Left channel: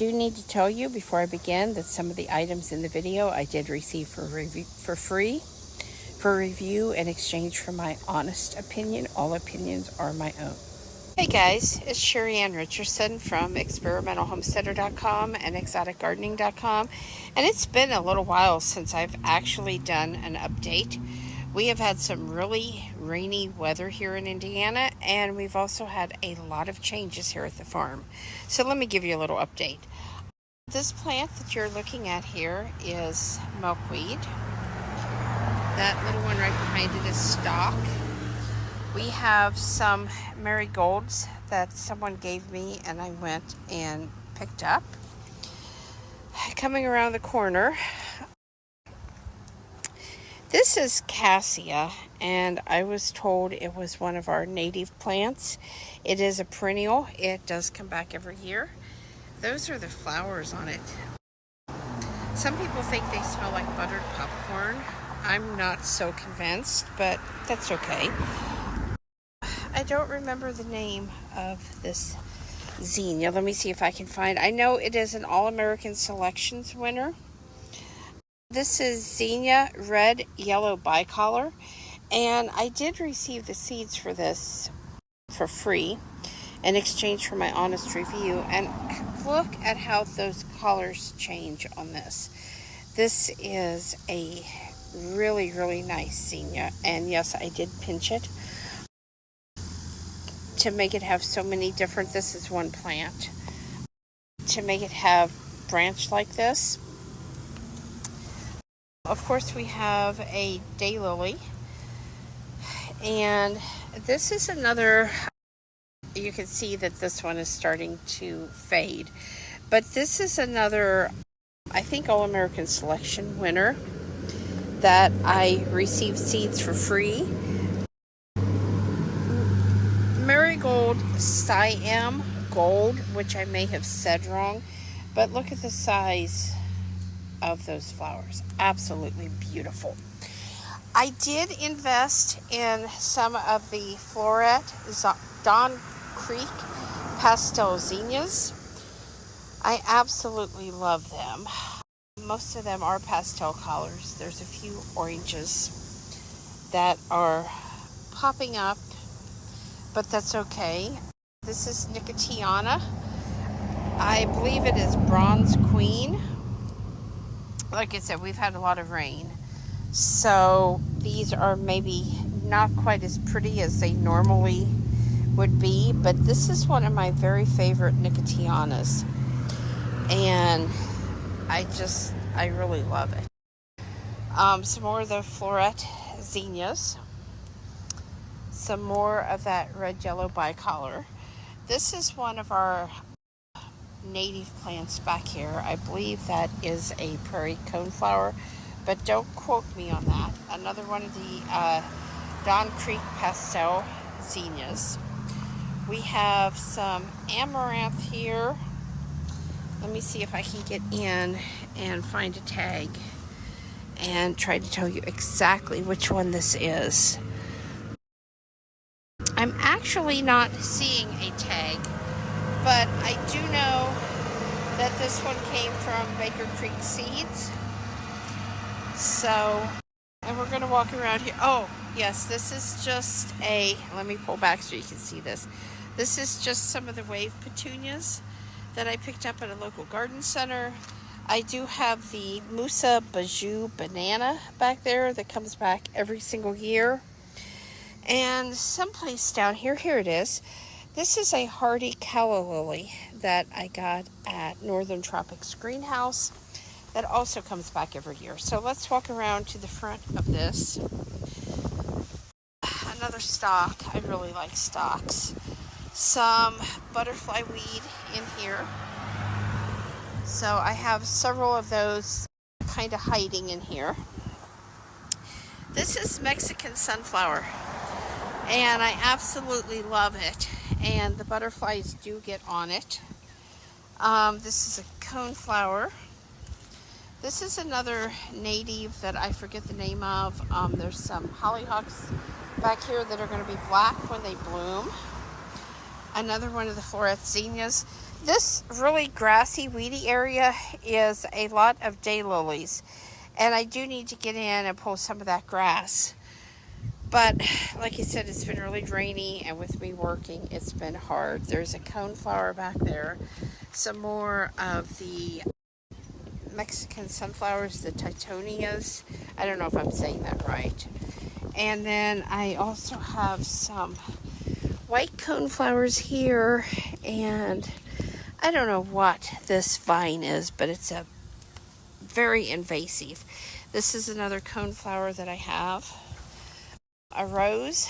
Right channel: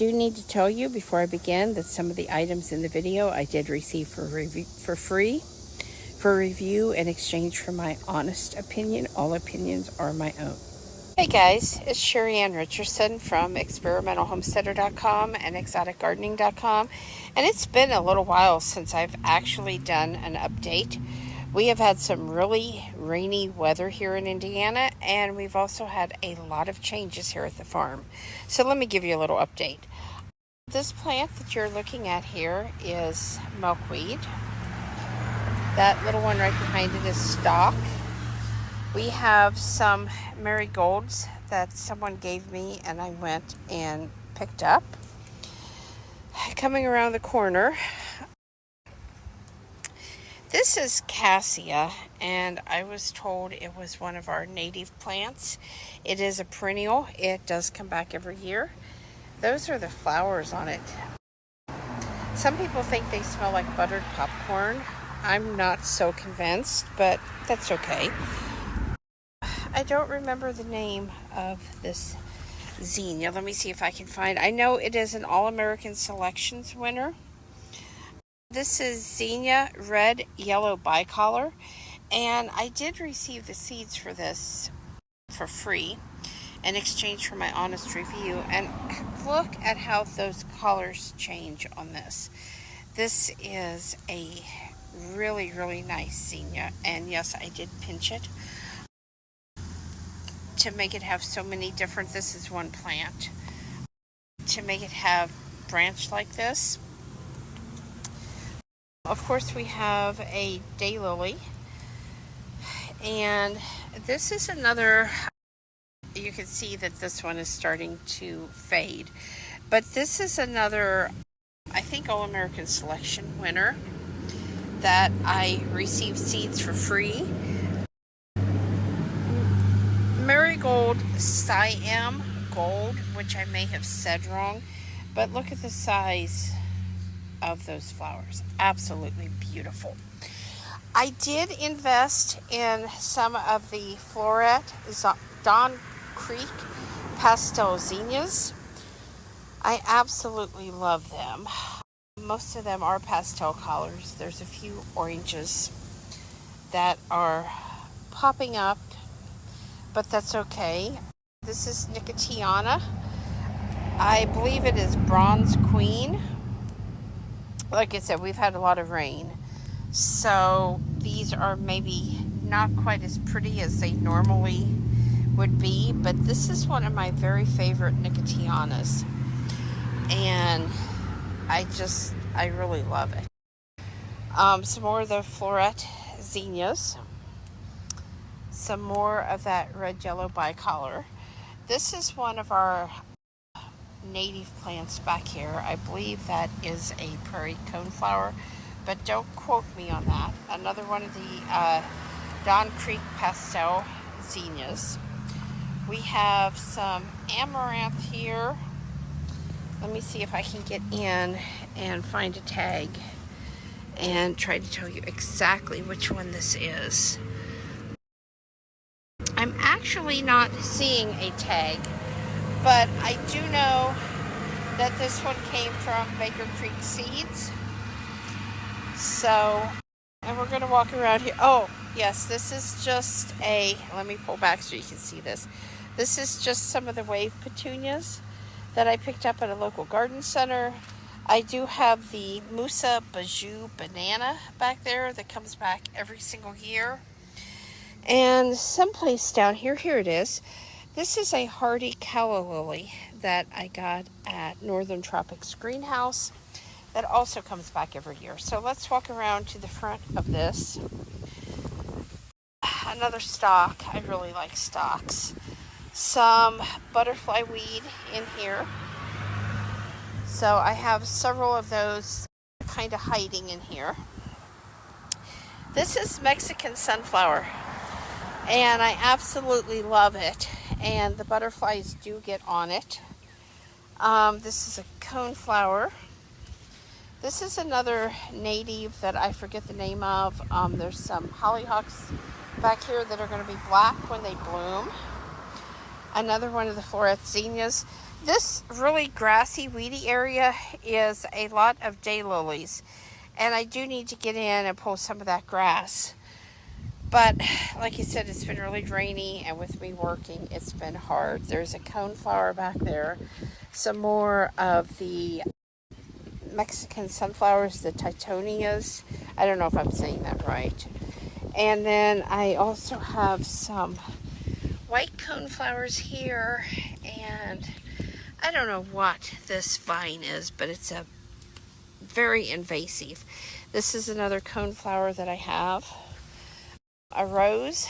do need to tell you before I begin that some of the items in the video I did receive for free for review in exchange for my honest opinion. All opinions are my own. Hey guys, it's Sheri Ann Richerson from experimentalhomesteader.com and exoticgardening.com, and it's been a little while since I've actually done an update. We have had some really rainy weather here in Indiana, and we've also had a lot of changes here at the farm. So let me give you a little update. This plant that you're looking at here is milkweed. That little one right behind it is stock. We have some marigolds that someone gave me and I went and picked up. Coming around the corner, this is Cassia, and I was told it was one of our native plants. It is a perennial. It does come back every year. Those are the flowers on it. Some people think they smell like buttered popcorn. I'm not so convinced, but that's okay. I don't remember the name of this zinnia. Let me see if I can find. I know it is an All-American Selections winner. This is zinnia red yellow bicolor, and I did receive the seeds for this for free in exchange for my honest review. And look at how those colors change on this. This is a really, really nice zinnia, and yes, I did pinch it to make it have so many different, this is one plant, to make it have branch like this. Of course, we have a daylily, and this is another, you can see that this one is starting to fade, but this is another, I think, All-American Selection winner that I received seeds for free. Marigold Siam Gold, which I may have said wrong, but look at the size of those flowers. Absolutely beautiful. I did invest in some of the Floret Don Creek pastel zinnias. I absolutely love them. Most of them are pastel colors. There's a few oranges that are popping up, but that's okay. This is Nicotiana. I believe it is Bronze Queen. Like I said, we've had a lot of rain, so these are maybe not quite as pretty as they normally would be, but this is one of my very favorite Nicotianas, and I really love it. Some more of the Floret zinnias. Some more of that red yellow bicolor. This is one of our native plants back here. I believe that is a prairie coneflower, but don't quote me on that. Another one of the Don Creek pastel zinnias. We have some amaranth here. Let me see if I can get in and find a tag and try to tell you exactly which one this is. I'm actually not seeing a tag, but I do know that this one came from Baker Creek Seeds. So, and we're going to walk around here. Oh, yes, this is just let me pull back so you can see this. This is just some of the wave petunias that I picked up at a local garden center. I do have the Musa Bajou banana back there that comes back every single year. And someplace down here, here it is. This is a hardy calla lily that I got at Northern Tropics Greenhouse that also comes back every year. So let's walk around to the front of this. Another stock. I really like stocks. Some butterfly weed in here. So I have several of those kind of hiding in here. This is Mexican sunflower, and I absolutely love it, and the butterflies do get on it. This is a coneflower. This is another native that I forget the name of. There's some hollyhocks back here that are going to be black when they bloom. Another one of the Floret zinnias. This really grassy, weedy area is a lot of daylilies. And I do need to get in and pull some of that grass. But like I said, it's been really rainy, and with me working, it's been hard. There's a coneflower back there. Some more of the Mexican sunflowers, the titonias. I don't know if I'm saying that right. And then I also have some white coneflowers here, and I don't know what this vine is, but it's a very invasive. This is another coneflower that I have. A rose.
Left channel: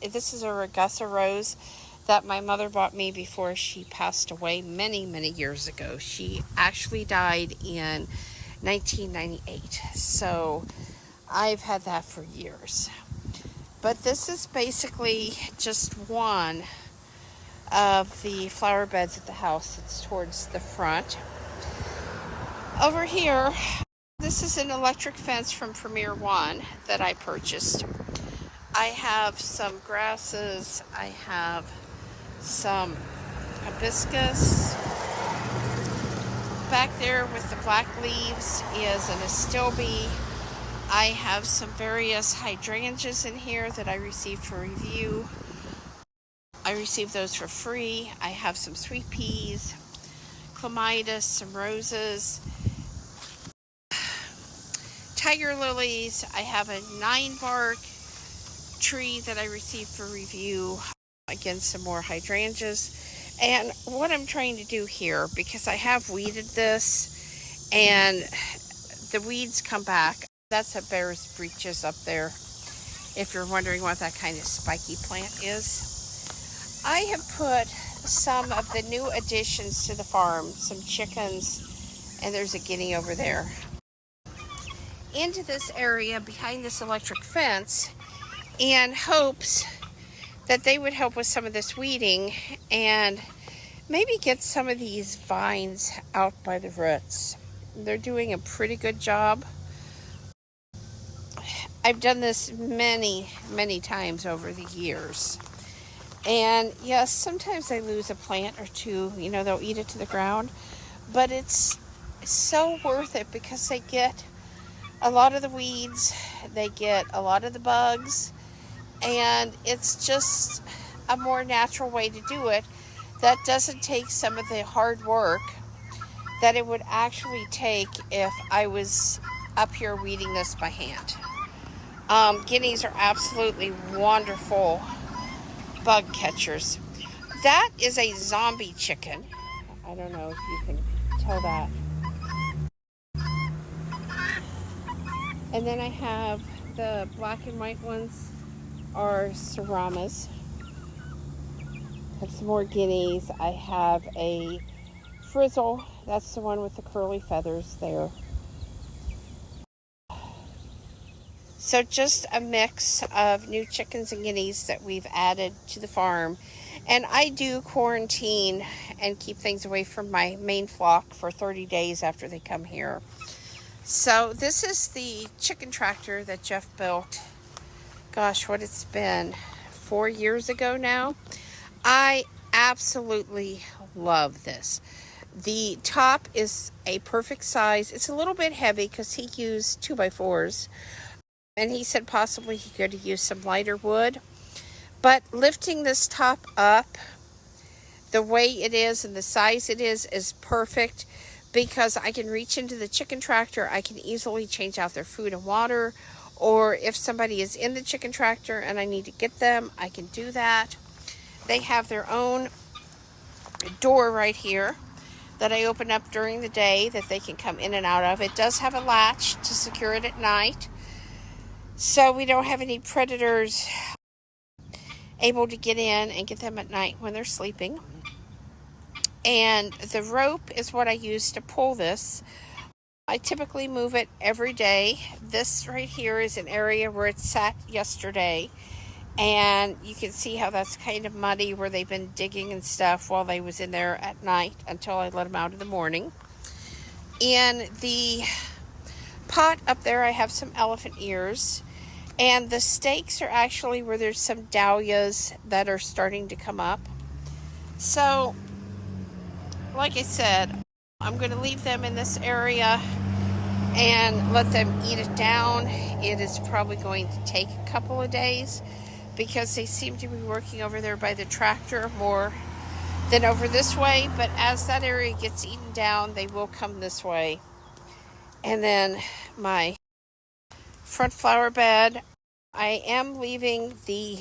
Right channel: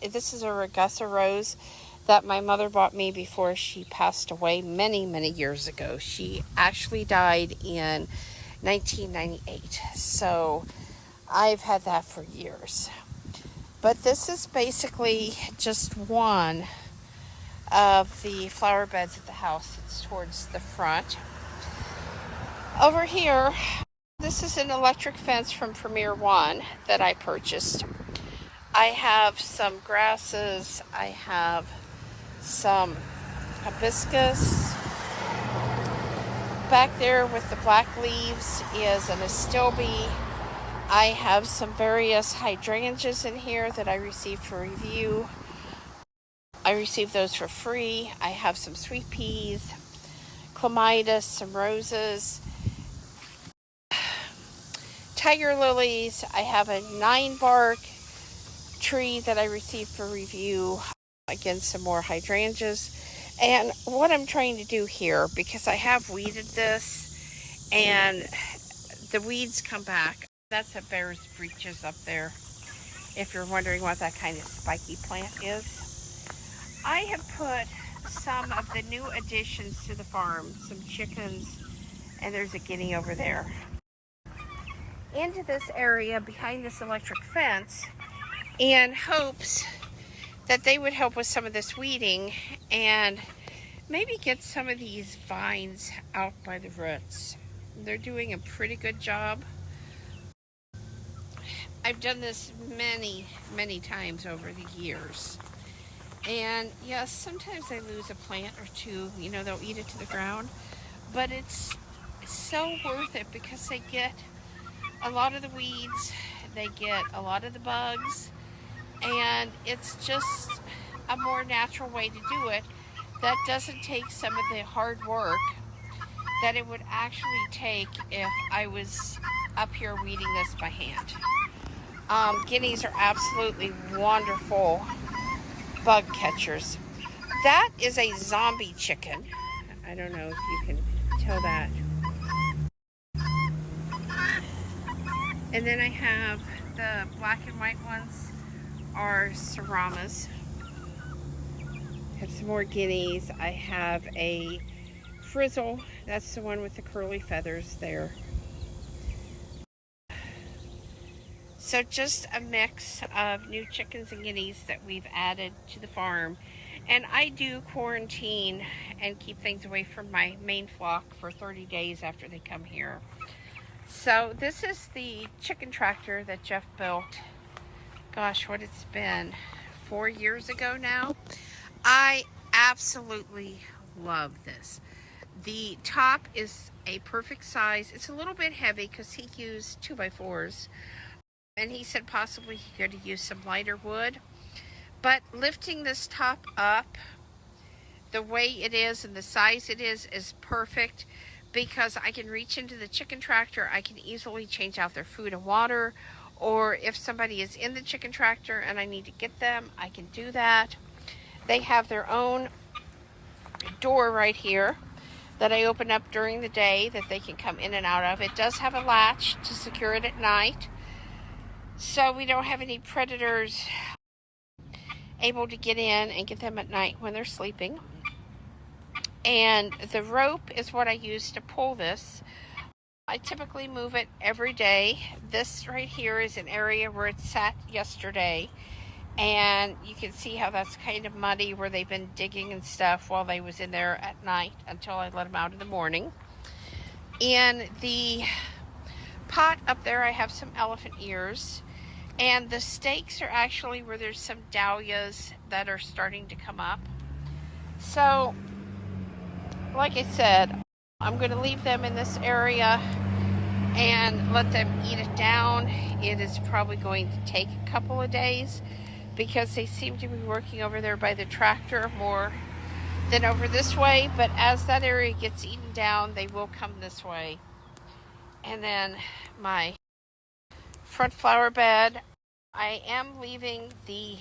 This is a Ragusa rose that my mother bought me before she passed away many years ago. She actually died in 1998. So I've had that for years. But this is basically just one of the flower beds at the house. It's towards the front. Over here, this is an electric fence from Premier One that I purchased. I have some grasses. I have some hibiscus. Back there with the black leaves is an astilbe. I have some various hydrangeas in here that I received for review. I received those for free. I have some sweet peas, clematis, some roses, tiger lilies. I have a 9-bark tree that I received for review. Again, some more hydrangeas. And what I'm trying to do here, because I have weeded this and the weeds come back. That's a bear's breeches up there, if you're wondering what that kind of spiky plant is. I have put some of the new additions to the farm, some chickens, and there's a guinea over there, into this area behind this electric fence, in hopes that they would help with some of this weeding and maybe get some of these vines out by the roots. They're doing a pretty good job. I've done this many times over the years. And yes, sometimes I lose a plant or two. You know, they'll eat it to the ground. But it's so worth it because they get a lot of the weeds. They get a lot of the bugs. And it's just a more natural way to do it that doesn't take some of the hard work that it would actually take if I was up here weeding this by hand. Guineas are absolutely wonderful bug catchers. That is a zombie chicken. I don't know if you can tell that. And then I have the black and white ones are serramas. I have some more guineas. I have a frizzle. That's the one with the curly feathers there. So just a mix of new chickens and guineas that we've added to the farm. And I do quarantine and keep things away from my main flock for 30 days after they come here. So this is the chicken tractor that Jeff built. Gosh, what it's been, 4 years ago now. I absolutely love this. The top is a perfect size. It's a little bit heavy because he used 2x4s. And he said possibly he could use some lighter wood. But lifting this top up, the way it is and the size it is perfect because I can reach into the chicken tractor. I can easily change out their food and water. Or if somebody is in the chicken tractor and I need to get them, I can do that. They have their own door right here that I open up during the day that they can come in and out of. It does have a latch to secure it at night, so we don't have any predators able to get in and get them at night when they're sleeping. And the rope is what I use to pull this. I typically move it every day. This right here is an area where it sat yesterday. And you can see how that's kind of muddy where they've been digging and stuff while they was in there at night until I let them out in the morning. In the pot up there, I have some elephant ears. And the stakes are actually where there's some dahlias that are starting to come up. So like I said, I'm going to leave them in this area and let them eat it down. It is probably going to take a couple of days because they seem to be working over there by the tractor more than over this way. But as that area gets eaten down, they will come this way. And then my front flower bed, I am leaving the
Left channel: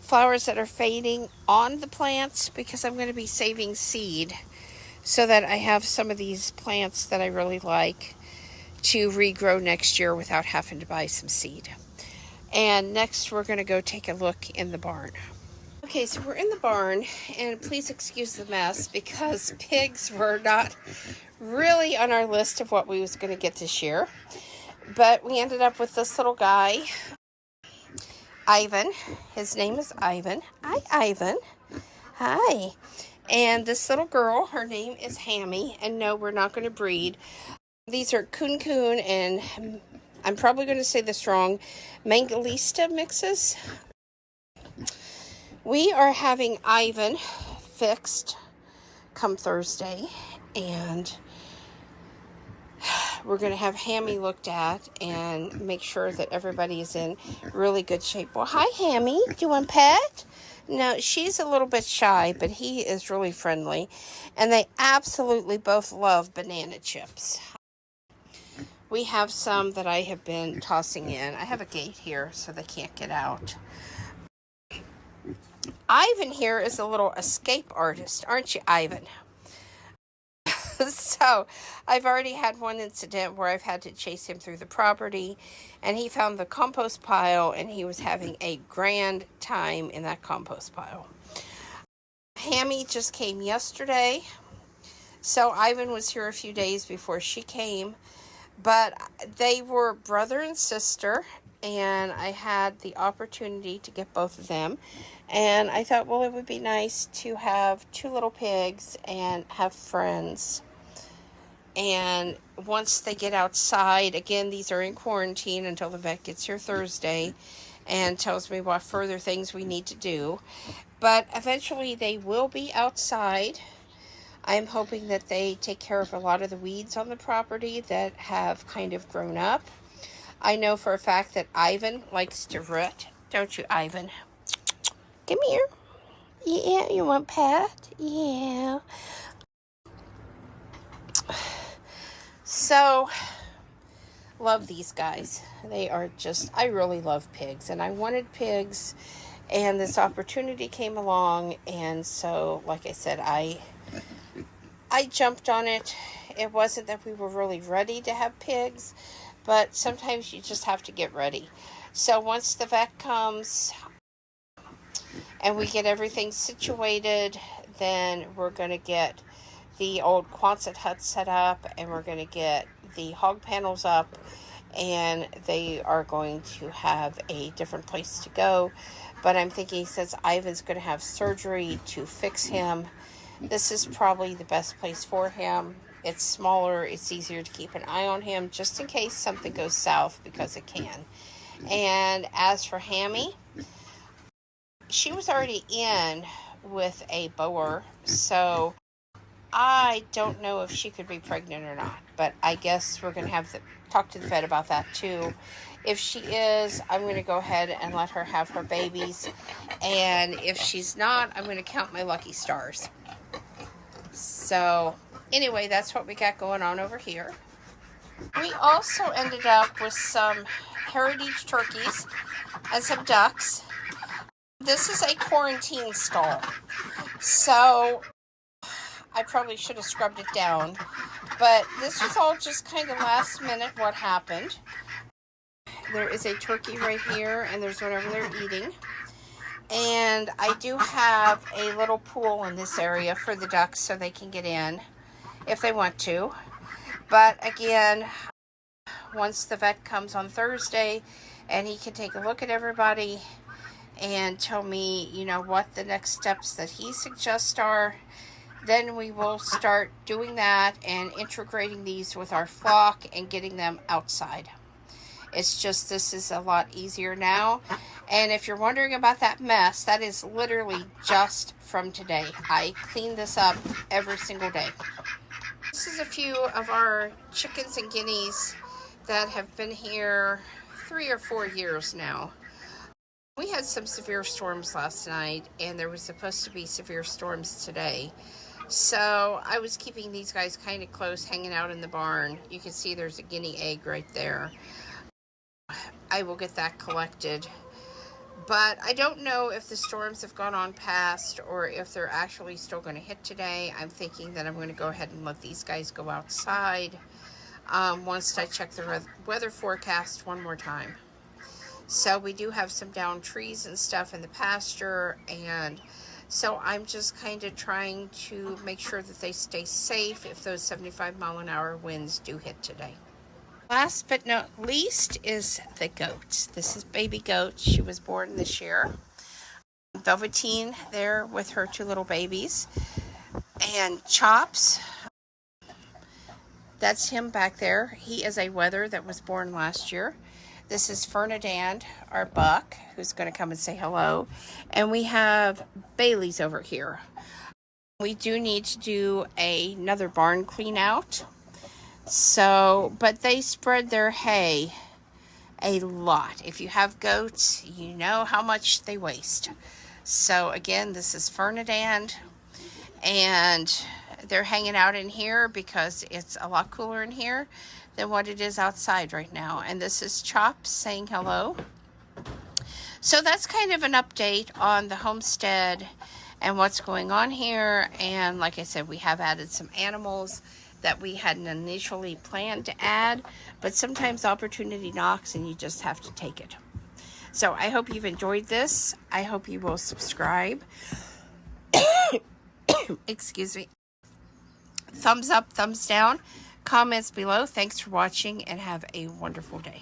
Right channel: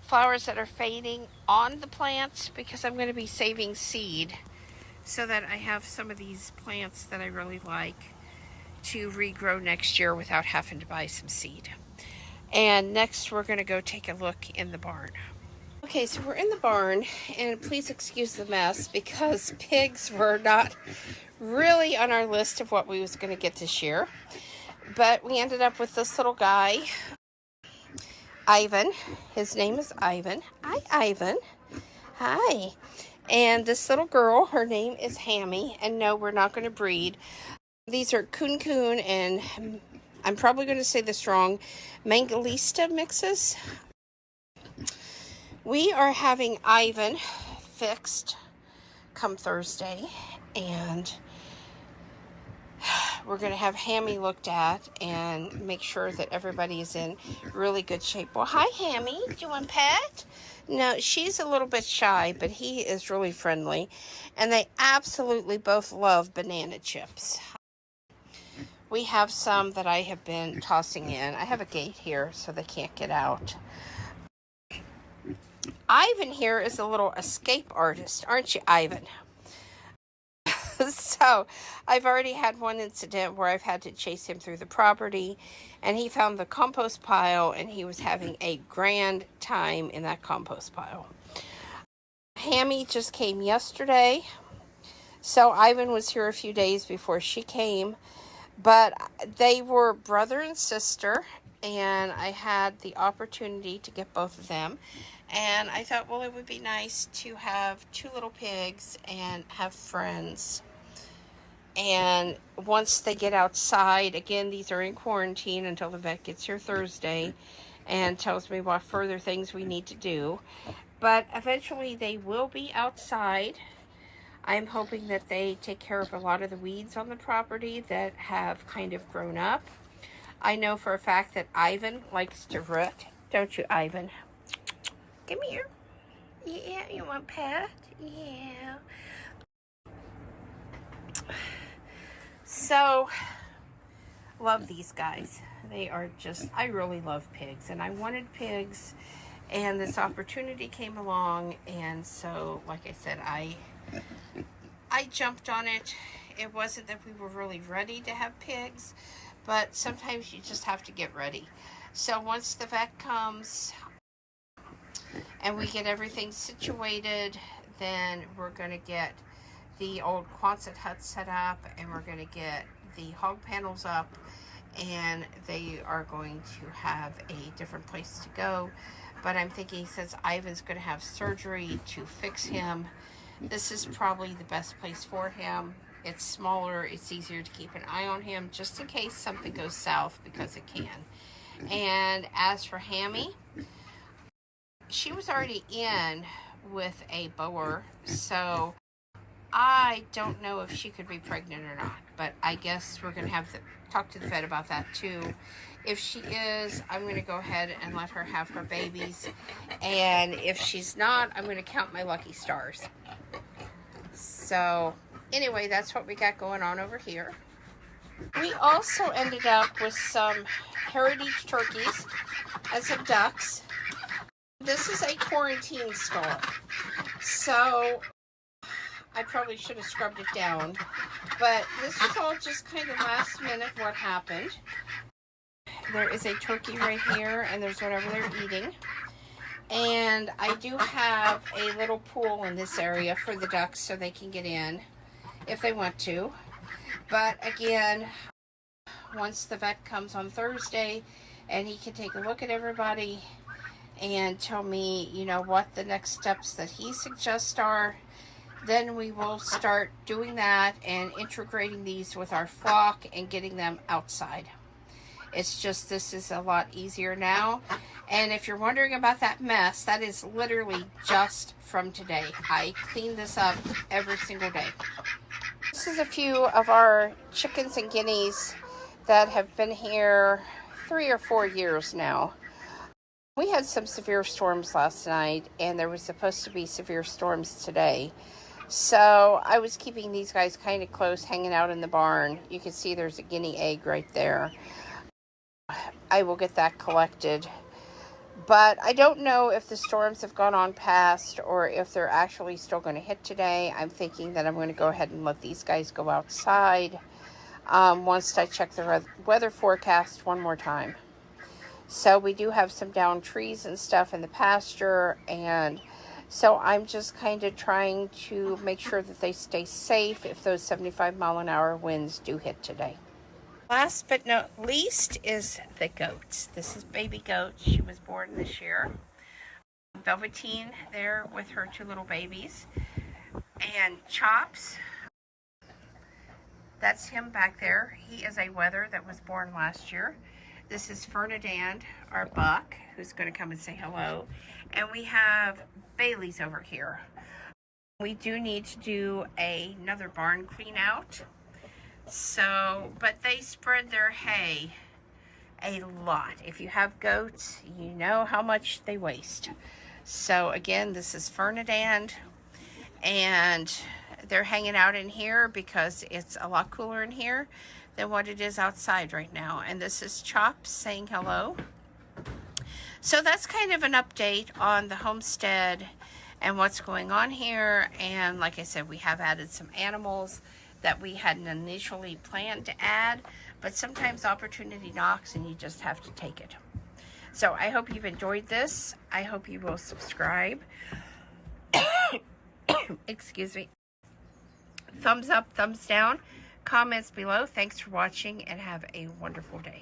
flowers that are fading on the plants because I'm going to be saving seed so that I have some of these plants that I really like to regrow next year without having to buy some seed. And next we're going to go take a look in the barn. Okay, so we're in the barn, and please excuse the mess because pigs were not really on our list of what we was going to get this year. But we ended up with this little guy, Ivan. His name is Ivan. Hi, Ivan. Hi. And this little girl, her name is Hammy. And no, we're not going to breed. These are coon and I'm probably going to say this wrong, Mangolista mixes. We are having Ivan fixed come Thursday, and we're going to have Hammy looked at and make sure that everybody is in really good shape. Well, hi, Hammy. Do you want a pet? No, she's a little bit shy, but he is really friendly, and they absolutely both love banana chips. We have some that I have been tossing in. I have a gate here so they can't get out. Ivan here is a little escape artist, aren't you, Ivan? So I've already had one incident where I've had to chase him through the property, and he found the compost pile, and he was having a grand time in that compost pile. Hammy just came yesterday, so Ivan was here a few days before she came, but they were brother and sister, and I had the opportunity to get both of them. And I thought, well, it would be nice to have two little pigs and have friends. And once they get outside, again, these are in quarantine until the vet gets here Thursday and tells me what further things we need to do. But eventually they will be outside. I'm hoping that they take care of a lot of the weeds on the property that have kind of grown up. I know for a fact that Ivan likes to root. Don't you, Ivan? Come here. Yeah, you want pet? Yeah. So, love these guys. They are just, I really love pigs. And I wanted pigs. And this opportunity came along. And so, like I said, I jumped on it. It wasn't that we were really ready to have pigs. But sometimes you just have to get ready. So, once the vet comes and we get everything situated, then we're going to get the old Quonset hut set up, and we're going to get the hog panels up, and they are going to have a different place to go. But I'm thinking, since Ivan's going to have surgery to fix him, this is probably the best place for him. It's smaller, it's easier to keep an eye on him, just in case something goes south, because it can. And as for Hammy, she was already in with a boer, so I don't know if she could be pregnant or not, but I guess we're going to have to talk to the vet about that too. If she is, I'm going to go ahead and let her have her babies, and if she's not, I'm going to count my lucky stars. So anyway, that's what we got going on over here. We also ended up with some heritage turkeys and some ducks. This is a quarantine stall, so I probably should have scrubbed it down, but this was all just kind of last minute what happened. There is a turkey right here, and there's one over there eating. And I do have a little pool in this area for the ducks so they can get in if they want to. But again, once the vet comes on Thursday and he can take a look at everybody and tell me, you know, what the next steps that he suggests are, then we will start doing that and integrating these with our flock and getting them outside. It's just, this is a lot easier now. And if you're wondering about that mess, that is literally just from today. I clean this up every single day. This is a few of our chickens and guineas that have been here 3 or 4 years now. We had some severe storms last night, and there was supposed to be severe storms today. So I was keeping these guys kind of close, hanging out in the barn. You can see there's a guinea egg right there. I will get that collected. But I don't know if the storms have gone on past or if they're actually still going to hit today. I'm thinking that I'm going to go ahead and let these guys go outside once I check the weather forecast one more time. So we do have some downed trees and stuff in the pasture, and so I'm just kind of trying to make sure that they stay safe if those 75-mile-an-hour winds do hit today. Last but not least is the goat. This is baby goat. She was born this year. Velveteen there with her 2 little babies. And Chops, that's him back there. He is a wether that was born last year. This is Fernandand, our buck, who's going to come and say hello. And we have Bailey's over here. We do need to do another barn clean out. So, but they spread their hay a lot. If you have goats, you know how much they waste. So again, this is Fernandand, and they're hanging out in here because it's a lot cooler in here than what it is outside right now. And this is Chop saying hello. So that's kind of an update on the homestead and what's going on here. And like I said, we have added some animals that we hadn't initially planned to add, but sometimes opportunity knocks and you just have to take it. So I hope you've enjoyed this. I hope you will subscribe. Excuse me. Thumbs up, thumbs down, comments below. Thanks for watching and have a wonderful day.